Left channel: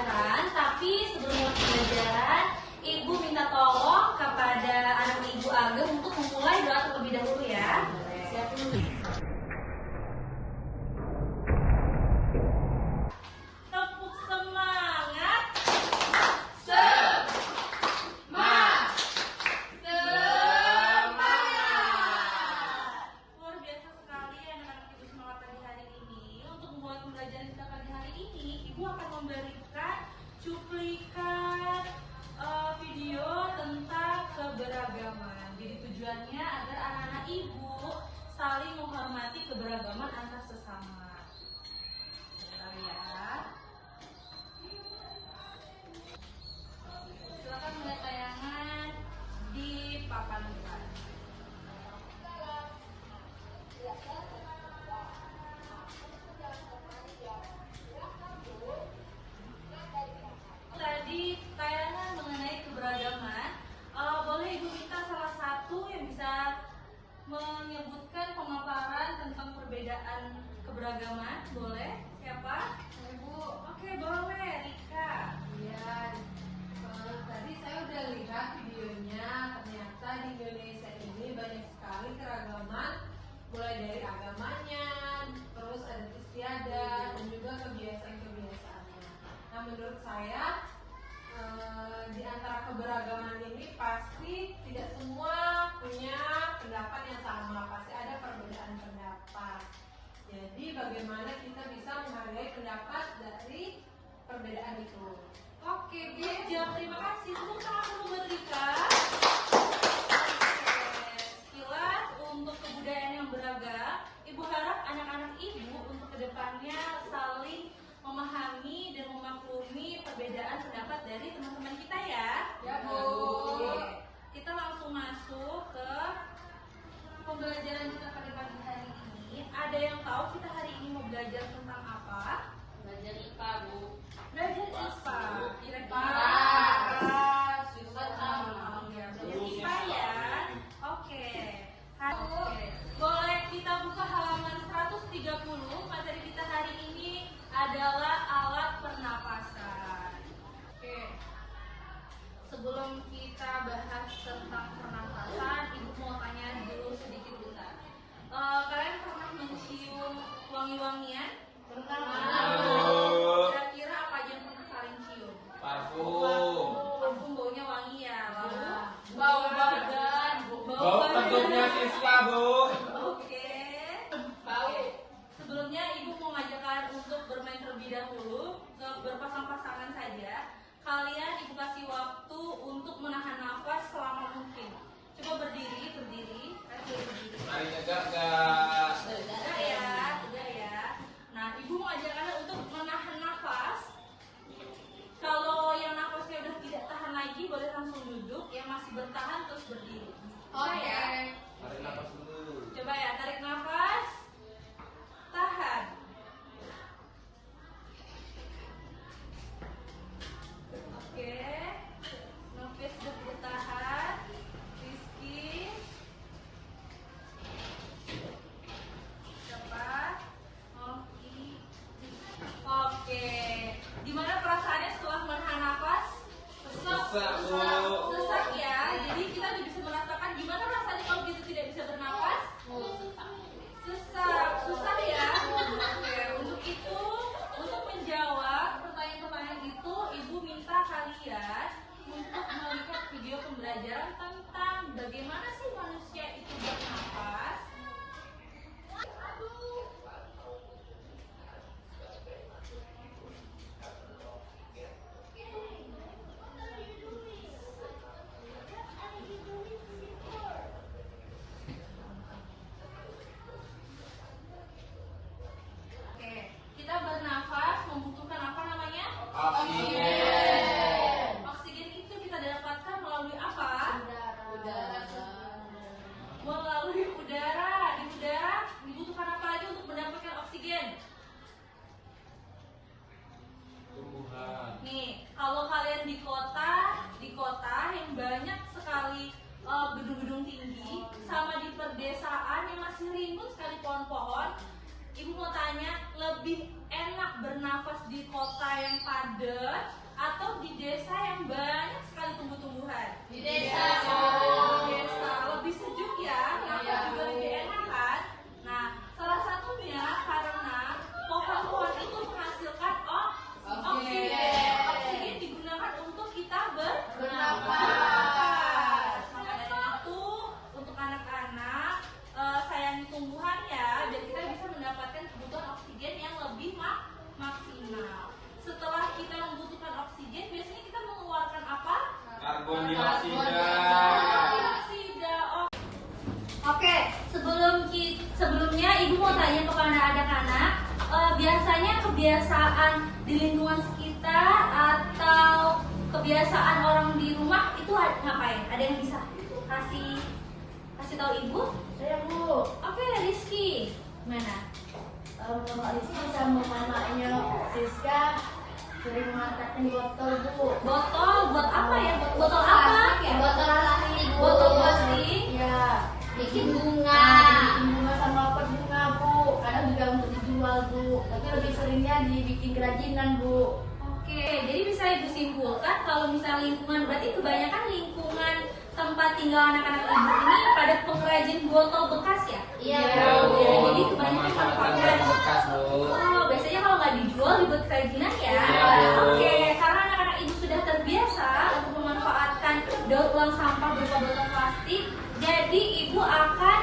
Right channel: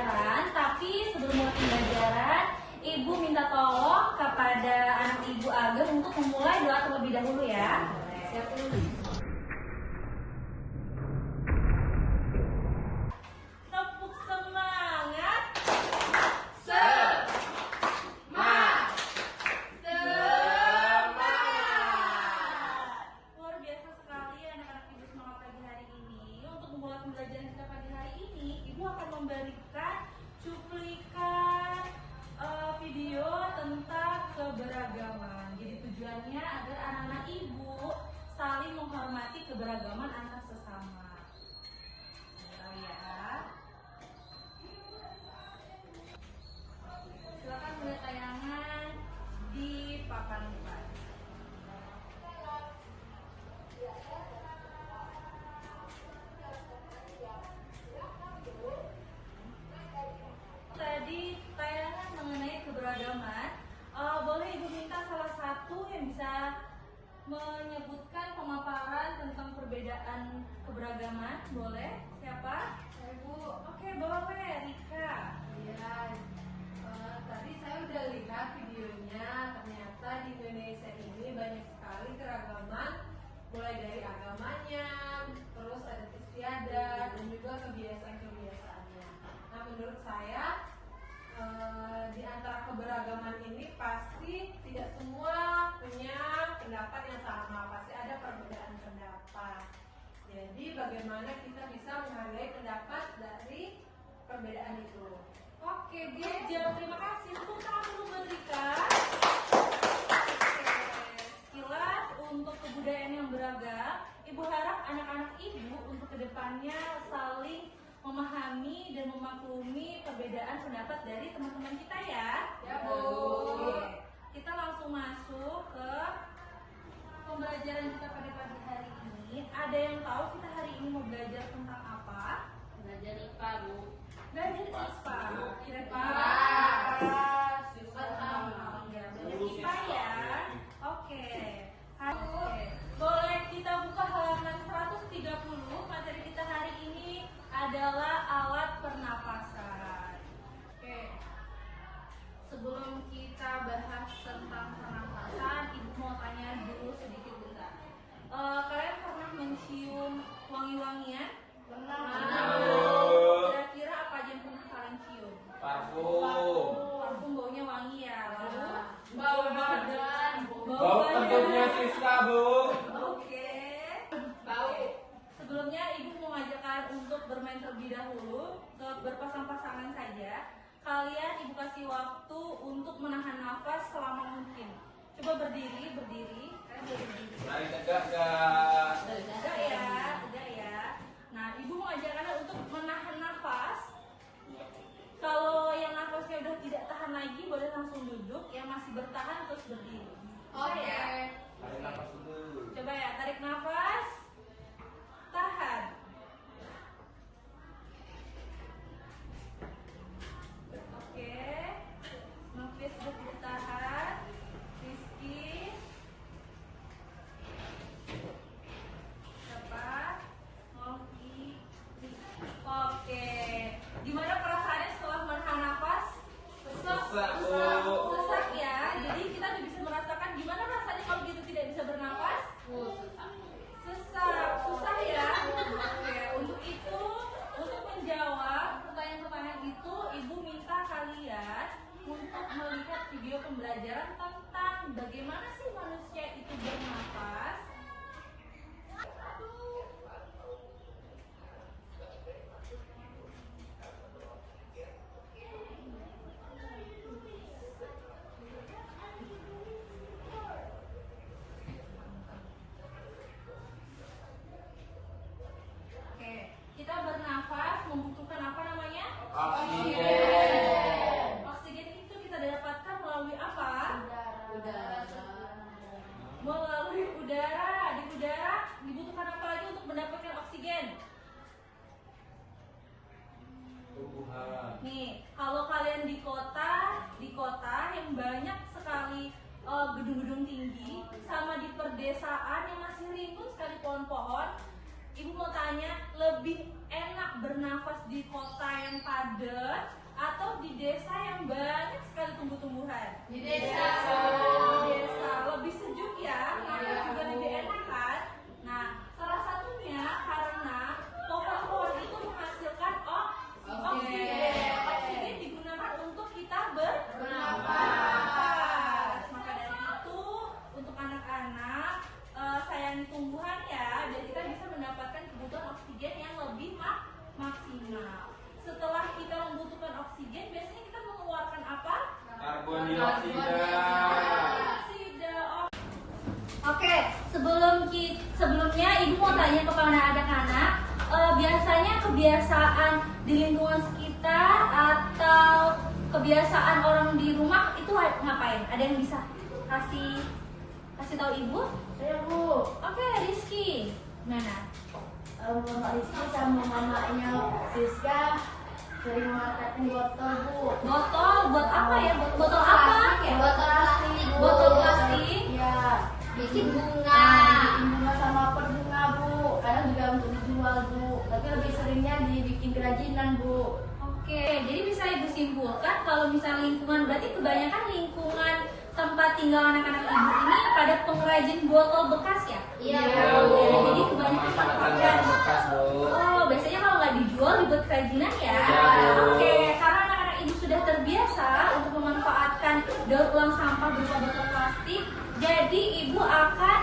pembelajaran, tapi sebelum mulai pembelajaran, Ibu minta tolong kepada anak Ibu Ageng untuk memulai doa terlebih dahulu ya. Siapin dulu. Tepuk semangat. Luar biasa sekali anak-anak Ibu semangat pagi hari ini. Untuk memulai pembelajaran kita pagi hari ini, Ibu akan memberikan cuplikan video tentang keberagaman. Jadi tujuannya agar anak-anak Ibu saling menghormati keberagaman antar sesama. Ya. Silakan melihat tayangan di papan depan. Tadi tayangan mengenai keberagaman. Boleh Ibu minta salah satu yang bisa menyebutkan pemaparan tentang perbedaan keberagaman? Boleh? Siapa? Ibu, Oke, boleh. Rika. ya, tadi saya udah lihat videonya. Ternyata di Indonesia ini banyak sekali keragaman, mulai dari agamanya, terus ada istiadat dan juga kebiasaan-kebiasaannya. Nah, menurut saya di antara keberagaman ini pasti tidak semua punya pendapat yang sama, pasti ada perbedaan pendapat. Jadi bagaimana kita bisa menghargai pendapat dari perbedaan itu? Oke, good job. Terima kasih. Tepuk tangan dulu buat Rika. Sekilas untuk kebudayaan yang beragam, Ibu harap anak-anak Ibu untuk kedepannya saling memahami dan memaklumi perbedaan pendapat dari teman-teman kita ya. Ya, Bu. Oke. Kita langsung masuk ke pembelajaran kita pada pagi hari ini. Ada yang tahu kita hari ini mau belajar tentang apa? Belajar IPA, Bu. Belajar IPA. Kira-kira ya, belajar IPA ya. Oke. Oke. Boleh kita buka halaman 130. Materi kita hari ini adalah alat pernapasan. Oke. Sebelum kita bahas tentang pernapasan, Ibu mau tanya dulu sedikit bentar. Kalian pernah mencium wangi-wangian? Pernah. Kira-kira apa aja yang pernah kalian cium? Parfum. Parfum baunya wangi ya, Bu? Bau badan. Bau kentutnya Siska, Bu. Oke. Bau. Sebelumnya Ibu mau ngajakkan untuk bermain terlebih dahulu, berpasang-pasangan saja. Kalian Ibu kasih waktu untuk menahan nafas selama mungkin. Coba berdiri. Kan berdiri. Mari tegak, guys. Tegak ya. Nah, Ibu mau ajarkan untuk menahan nafas. Kalau yang nafasnya udah tidak tahan lagi, boleh langsung duduk. Yang masih bertahan terus berdiri. Oke. Ya? Tarik nafas dulu. Coba ya, tarik nafas. Tahan. Oke. Nafas sudah tidak tahan. Rizky. Siapa? Novi. Oke. Gimana perasaannya setelah menahan nafas? Sesak, Bu. Sesak ya. Jadi kita udah bisa merasakan gimana rasanya kalau gitu tidak bisa bernafas? Sesak, susah ya. Oke, untuk itu, untuk menjawab pertanyaan-pertanyaan itu, Ibu minta kalian untuk melihat video pembelajaran tentang bagaimana sih manusia itu bernafas. Oke, kita bernafas membutuhkan apa namanya? Oksigen. Oksigen itu kita dapatkan melalui apa? Udara. Melalui udara. Di udara dibutuhkan apa lagi untuk mendapatkan oksigen? Tumbuhan. Nih, kalau kalian di kota yang banyak sekali gedung-gedung tinggi, sama di perdesaan yang masih rimbun sekali pohon-pohon, Ibu mau tanya, lebih enak bernafas di kota yang padat atau di desa yang banyak sekali tumbuh-tumbuhan? Di desa. Di desa lebih sejuk ya, nafas juga lebih enak kan? Nah, salah satunya karena pohon-pohon itu menghasilkan oksigen. Oksigen digunakan untuk kita bernafas. Maka dari itu, untuk anak-anak sayangi tumbuhan ya, biar kita bisa mendapatkan kebutuhan oksigen yang lebih maksimal. Setelah kita membutuhkan oksigen, biasanya kita mengeluarkan apa? Karbon dioksida. Oke, sebelumnya Ibu mau tanya kepada anak-anak, biasanya kebiasaan di lingkungan sekitar atau kebiasaan orang di rumah itu ngapain? Ada yang bisa kasih tahu Ibu? Saya Bu, Oke, Rizky, mana? Bapak Rizky sama mamanya Siska sering memanfaatkan botol Bu. Botol, buat apa ya? Botol apa? Botol plastik Bu. Botol plastik? Iya. Bikin bunga. Bikin bunga sama pot bunga Bu. Kadang juga untuk dijual Bu. Tapi lebih seringnya dibikin kerajinan Bu. Oke, jadi bisa Ibu simpulkan kalau misalnya lingkungan, berarti kebanyakan lingkungan tempat tinggal anak-anak Ibu ini pada pengrajin botol bekas ya? Iya Bu. Bu. Jadi kebanyakan Memanfaatkan pengrajin barang bekas, Bu. Oh, biasanya kalau nggak dijual dibuat kerajinan ya? Iya, Bu. Oke, karena anak-anak Ibu sudah terbiasa untuk memanfaatkan daur ulang sampah berupa botol plastik, jadi Ibu akan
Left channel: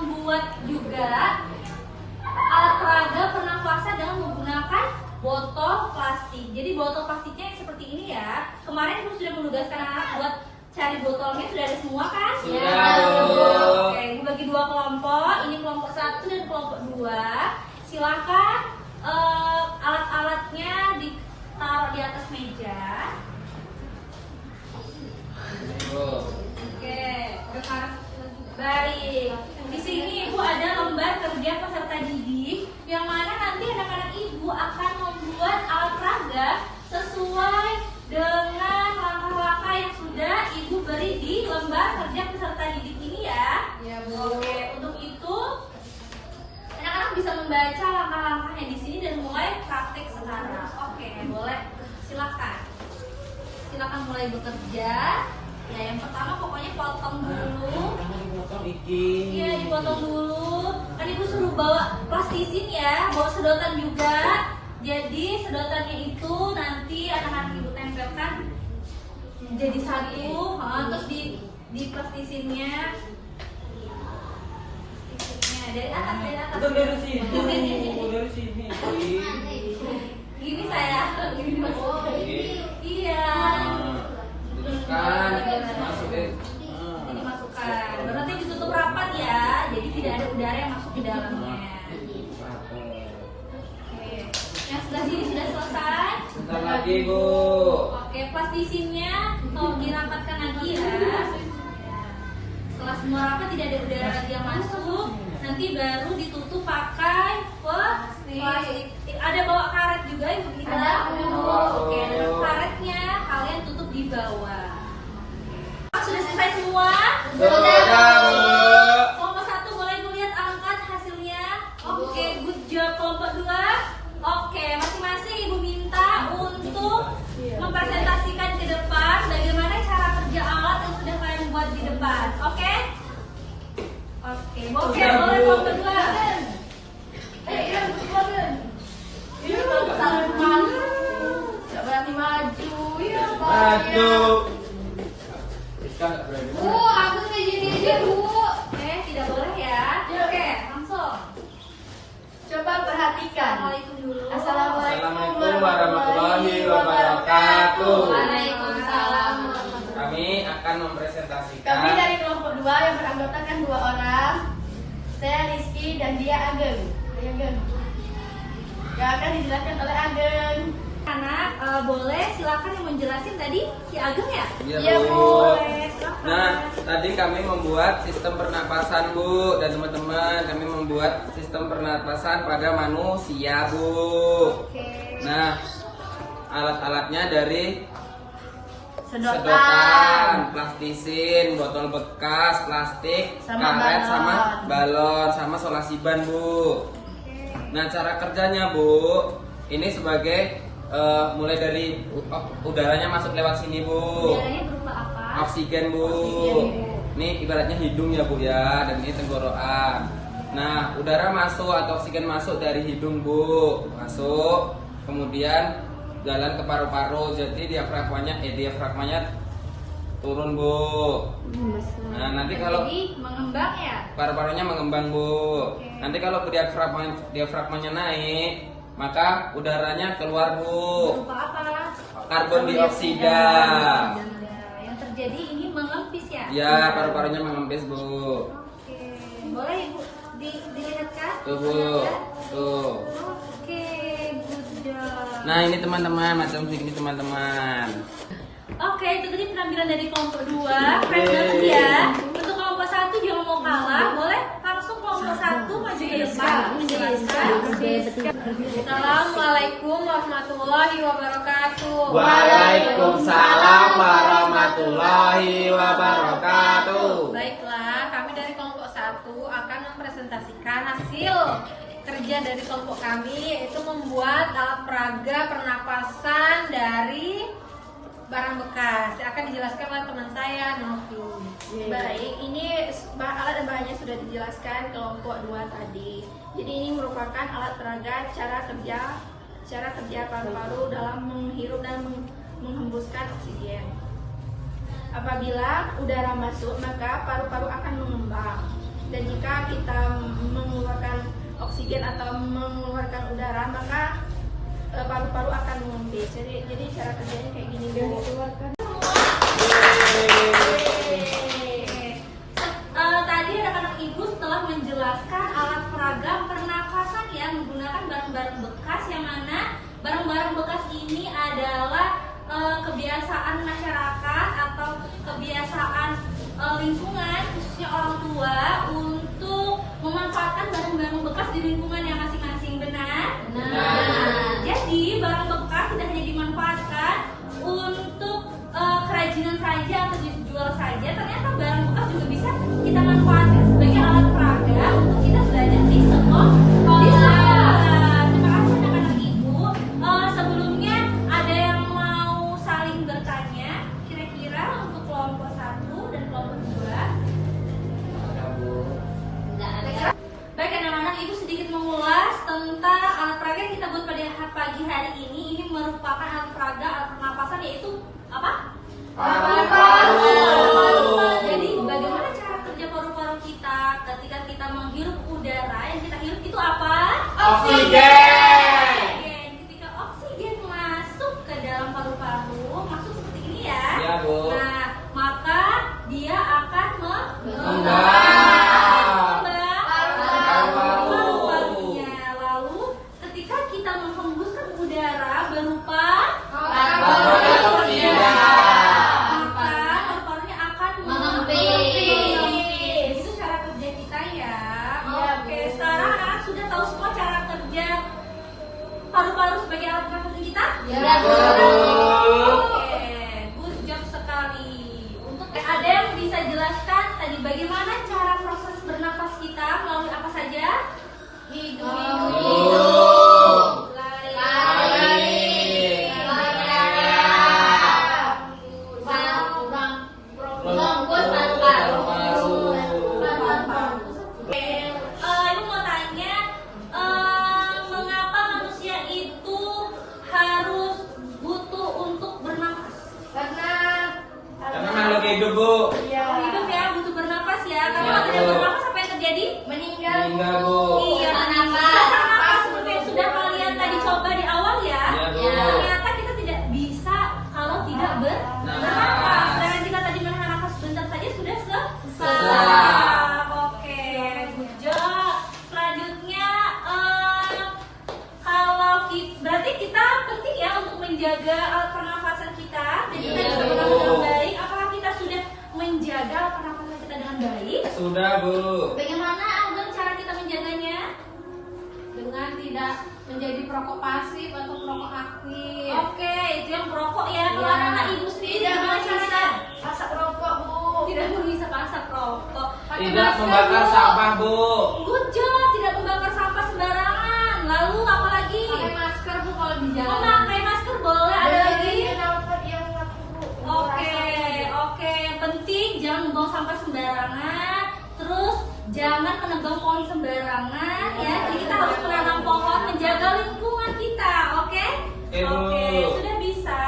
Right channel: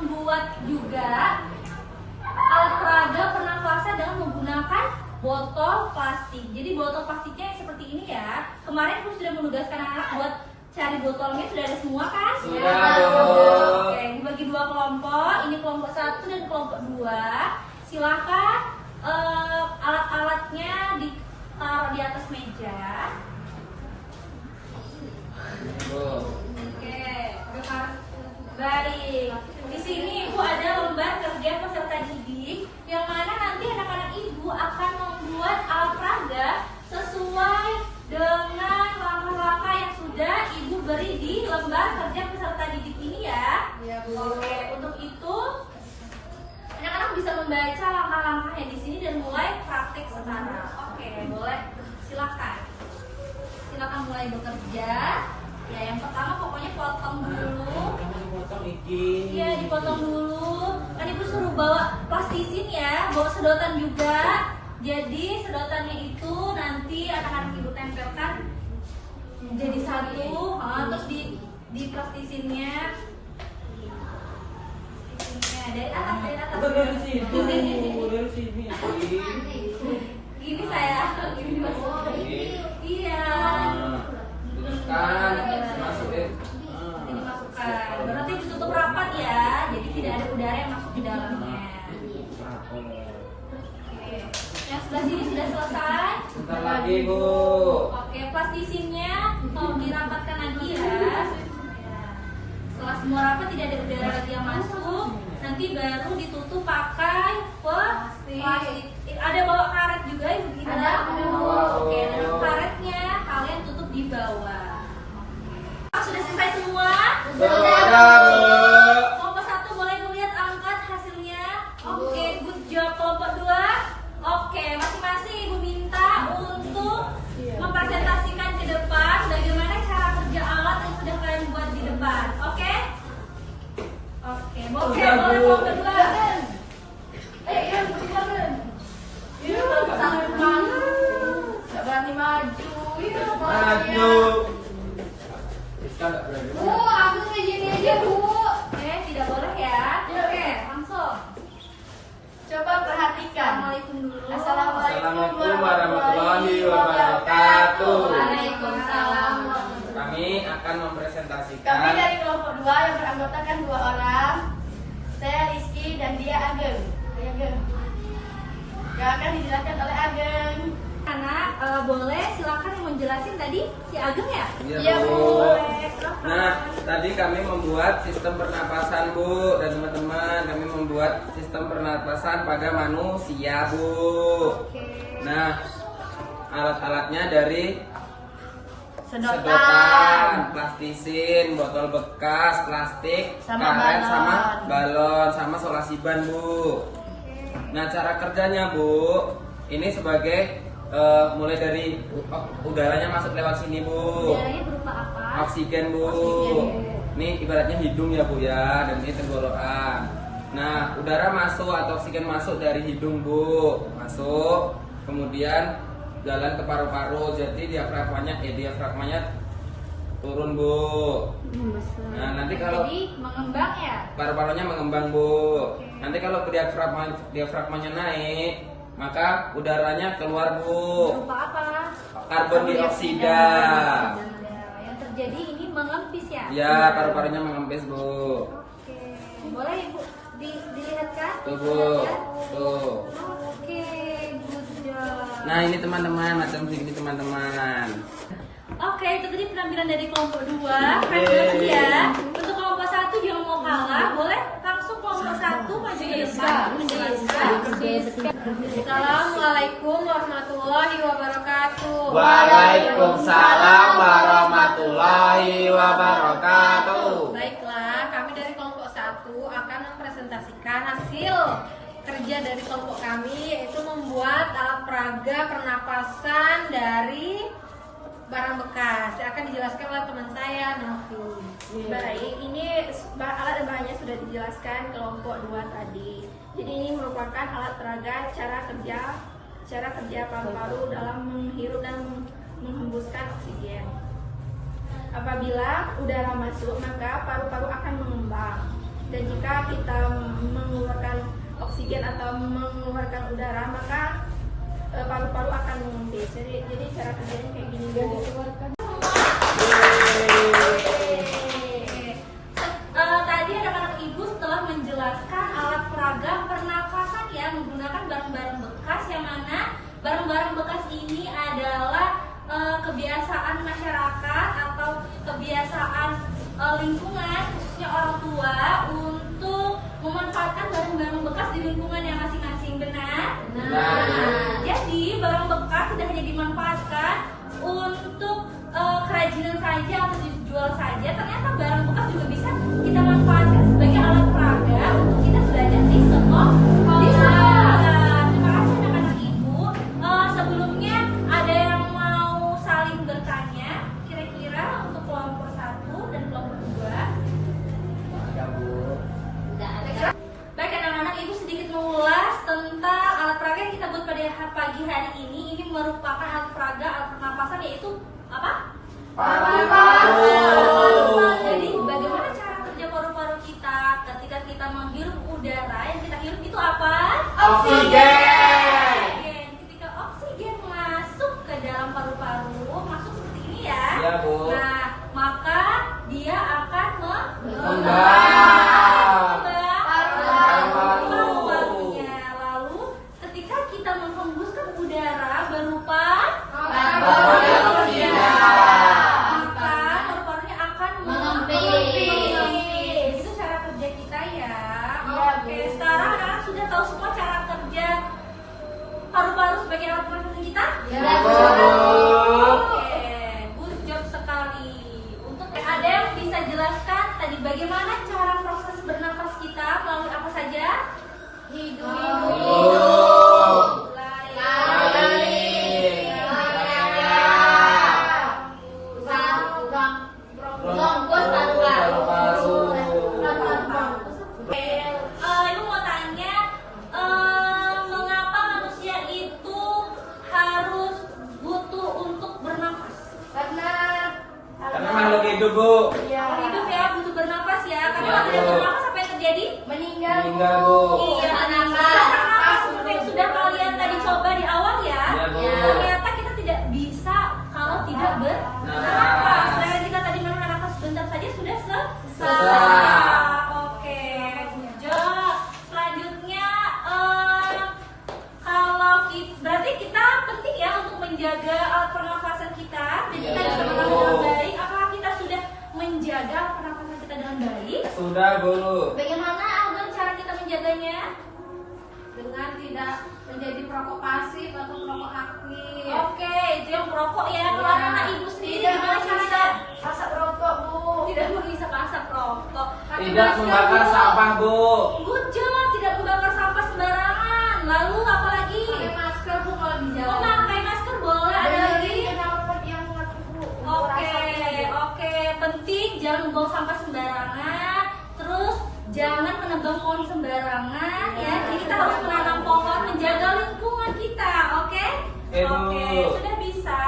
membuat juga alat peraga pernafasan dengan menggunakan botol plastik. Jadi botol plastiknya yang seperti ini ya. Kemarin Ibu sudah menugaskan anak buat cari botolnya, sudah ada semua kan? Sudah, Ya. Bu. Oke, dibagi dua kelompok. Ini kelompok 1 dan kelompok 2. Silakan alat-alatnya ditaruh di atas meja. Bu. Oke, baik. Di sini Ibu ada lembar kerja peserta didik yang mana nanti anak-anak Ibu akan membuat alat peraga sesuai dengan langkah-langkah yang sudah Ibu beri di lembar kerja peserta didik ini ya. Iya Bu. Oke, untuk itu anak-anak bisa membaca langkah-langkahnya di sini dan mulai praktik sekarang. Oke, boleh. Silakan mulai bekerja. Ya, yang pertama pokoknya potong dulu. Dipotong iki. Iya, dipotong dulu. Kan Ibu suruh bawa plastisin ya, bawa sedotan juga. Jadi sedotannya itu nanti anak-anak Ibu tempelkan jadi satu, terus di plastisinnya. Dari atas. Dari sini. Dari sini. Gini saya, gini maksudnya. Iya. Kan masukin. Ini masukkan. Berarti ditutup rapat ya, jadi tidak ada udara yang masuk di dalamnya. Oke. Yang sebelah sini sudah selesai. Sebentar lagi, Bu. Oke, plastisinnya tolong dirapatkan lagi ya. Setelah semua rapat tidak ada udara lagi yang masuk, nanti baru ditutup pakai plastik. Ada bawa karet juga Ibu Gita? Ada, Bu. Oke, dan karetnya kalian tutup di bawah. Sudah selesai semua? Sudah, Bu. Kelompok 1 boleh melihat angkat hasilnya. Oke, good job. Kelompok 2. Oke, masing-masing Ibu minta untuk mempresentasikan ke depan bagaimana cara kerja alat yang sudah kalian buat di depan. Oke? Oke, boleh kelompok 2. Iya, bukan. Iya, tangan maju. Nggak berani maju. Iya, Maju. Kita nggak berani. Bu, aku kayak gini aja, Bu. Tidak boleh ya. Oke, langsung. Coba perhatikan. Assalamualaikum dulu. Assalamualaikum warahmatullahi wabarakatuh. Waalaikumsalam. Kami akan mempresentasikan. Kami dari kelompok 2 yang beranggotakan 2 orang. Saya Rizky dan dia Ageng. Saya Ageng. Yang akan dijelaskan oleh Ageng. Anak, boleh silakan yang menjelasin tadi si Ageng ya? Iya, Bu. Boleh, silakan. Nah, tadi kami membuat sistem pernapasan, Bu, dan teman-teman kami membuat sistem pernapasan pada manusia, Bu. Oke. Nah, alat-alatnya dari Sedotan. plastisin, botol bekas, plastik, Sama karet, balon. sama balon, sama solasi ban, Bu. Oke. Nah, cara kerjanya Bu, ini sebagai mulai dari udaranya masuk lewat sini Bu. Udaranya berupa apa? Oksigen Bu. Ini ibaratnya hidung ya Bu ya, dan ini tenggorokan. Nah, udara masuk atau oksigen masuk dari hidung Bu, masuk, kemudian jalan ke paru-paru. Jadi diafragmanya turun Bu. Nah, nanti kalau Jadi mengembang ya? paru-parunya mengembang Bu. Nanti kalau diafragmanya naik, maka udaranya keluar Bu. Berupa apa? Karbon dioksida. Yang terjadi ini mengempis ya? Ya, paru-parunya mengempis Bu. Oke. Boleh Ibu dilihatkan? Tuh Bu. Tuh. Oke, good job. Nah, ini teman-teman, macam segini teman-teman. Oke, itu tadi penampilan dari kelompok 2. Keren banget ya. Untuk kelompok 1 jangan mau kalah, boleh langsung kelompok 1 maju ke depan menjelaskan. Assalamualaikum warahmatullahi wabarakatuh. Waalaikumsalam warahmatullahi wabarakatuh. Baiklah, kami dari kelompok 1 akan mempresentasikan hasil kerja dari kelompok kami, yaitu membuat alat peraga pernapasan dari barang bekas. Akan dijelaskan oleh teman saya, Novi. Baik, ini alat dan bahannya sudah dijelaskan kelompok 2 tadi. Jadi ini merupakan alat peraga cara kerja paru-paru dalam menghirup dan menghembuskan oksigen. Apabila udara masuk, maka paru-paru akan mengembang. Dan jika kita mengeluarkan oksigen atau mengeluarkan udara, maka paru-paru akan mengempis. Jadi cara kerjanya kayak gini Bu. Tadi anak-anak ibu setelah menjelaskan alat peraga pernafasan ya menggunakan barang-barang bekas, yang mana barang-barang bekas ini adalah kebiasaan masyarakat atau kebiasaan lingkungan, khususnya orang tua, untuk memanfaatkan barang-barang bekas di lingkungannya masing-masing. Benar? Jadi barang bekas tidak hanya dimanfaatkan untuk kerajinan saja atau dijual saja, ternyata barang bekas juga bisa kita manfaatkan sebagai alat peraga untuk kita belajar di sekolah. Terima kasih anak-anak ibu. Sebelumnya ada yang mau saling bertanya kira-kira untuk kelompok 1 dan kelompok 2? Baik anak-anak, ibu sedikit mengulas tentang alat peraga yang kita buat pada pagi hari ini. Ini merupakan alat peraga alat pernapasan, yaitu apa? Paru-paru. Jadi bagaimana cara kerja paru-paru kita ketika kita menghirup udara? Yang kita hirup itu apa? Oksigen. Ketika oksigen masuk ke dalam paru-paru, masuk seperti ini ya. Ya Bu. Nah, maka dia akan Mengembang. Paru-parunya. Lalu ketika kita menghembuskan udara berupa Karbon dioksida, maka paru-parunya akan Mengempis. Itu cara kerja kita ya. Iya, Oke, Bu. sekarang anak sudah tahu semua cara kerja paru-paru sebagai alat pernafasan kita? Ya, Bu. Oke, good job sekali. Untuk ada yang bisa jelaskan tadi bagaimana cara proses bernafas kita melalui apa saja? Hidung, Ibu mau tanya, mengapa manusia itu harus butuh untuk bernafas? Karena makhluk hidup Bu. Kalau hidup ya butuh bernafas ya. Karena Iya, kalau tidak Bu. bernafas apa yang terjadi? Meninggal Bu. Iya, sesak nafas seperti yang sudah kalian tadi coba di awal ya. Iya, Bu. Ternyata kita tidak bisa kalau tidak bernafas. Dan jika tadi menahan nafas sebentar saja sudah selesai. Oke, good job. Selanjutnya, berarti kita penting ya untuk menjaga alat pernafasan kita dan kita Iya, bisa Bu. bernafas dengan baik. Apakah kita sudah menjaga alat pernafasan kita dengan baik? Sudah Bu. Bagaimana Alden cara kita menjaganya? Dengan tidak menjadi perokok pasif atau perokok aktif. Oke, itu yang merokok ya. Kalau Iya. anak ibu sendiri Tidak gimana caranya? asap rokok Bu. Tidak menghisap asap rokok. Pakai Tidak masker, membakar Bu. sampah Bu. Good job, tidak membakar sampah sembarangan. lalu apa lagi? Pakai masker Bu kalau di jalan. Oh, pakai masker boleh. Ada lagi? yang Oke, penting jangan buang sampah sembarangan. Terus jangan menebang pohon sembarangan ya. Jadi kita harus menanam pohon, menjaga lingkungan kita, oke? Oke, Bu. Sudah bisa.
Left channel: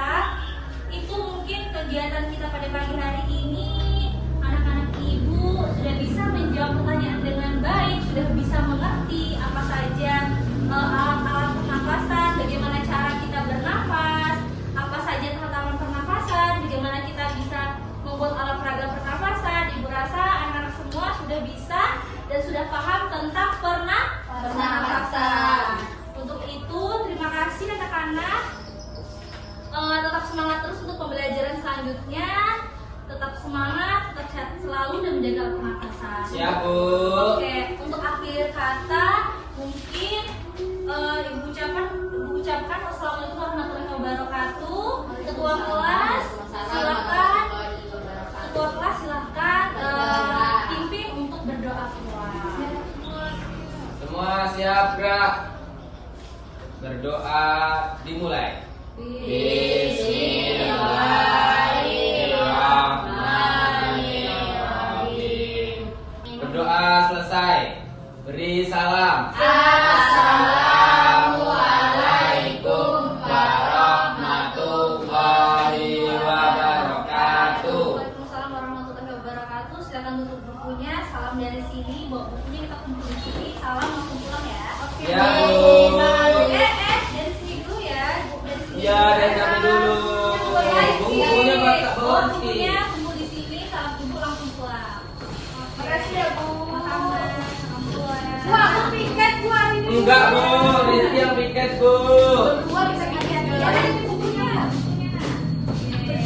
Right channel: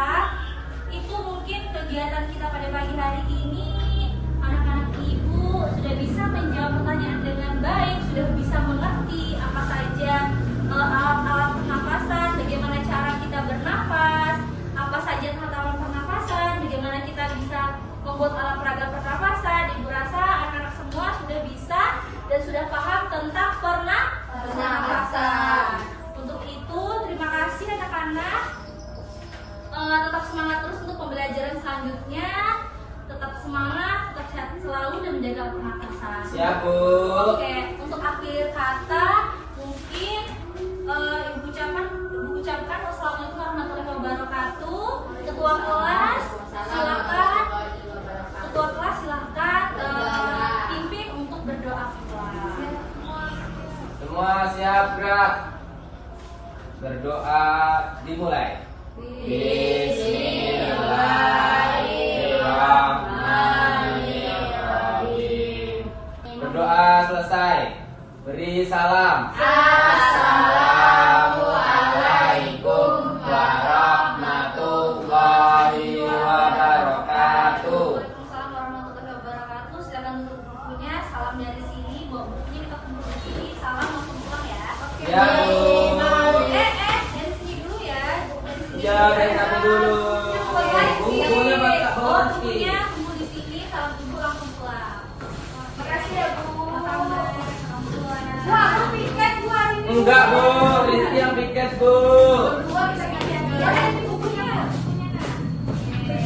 Itu mungkin kegiatan kita pada pagi hari ini. Anak-anak ibu sudah bisa menjawab pertanyaan dengan baik, sudah bisa mengerti apa saja alat-alat pernafasan, bagaimana cara kita bernafas, apa saja tahap-tahap pernafasan, bagaimana kita bisa membuat alat peraga pernafasan. Ibu rasa anak-anak semua sudah bisa dan sudah paham tentang pernafasan. Untuk itu, terima kasih anak-anak. Tetap semangat terus untuk pembelajaran selanjutnya. Tetap semangat, tetap sehat selalu dan menjaga pernafasan. Siap, Bu. Oke, untuk akhir kata mungkin ibu ucapkan wassalamualaikum warahmatullahi wabarakatuh. Ketua kelas silakan pimpin untuk berdoa pulang. Semua siap gerak. Berdoa dimulai. Bismillahirrahmanirrahim. Berdoa selesai. Beri salam. Assalamualaikum warahmatullahi wabarakatuh. Waalaikumsalam warahmatullahi wabarakatuh. Silakan tutup bukunya. Salam dari sini. Bawa bukunya kita kumpul di sini. Salam langsung pulang ya. Oke. Ya, Bu. Dari sini dulu ya. Dari sini. Ya, dari kami dulu. Bukunya Bapak bawa di sini. Bukunya kumpul di sini. Salam ibu langsung pulang. Makasih ya Bu. Sama-sama. Wah, aku piket Bu hari ini. Enggak, Bu. Rizky yang piket, Bu. Gua bisa piket. Ya, ada di bukunya. Oke.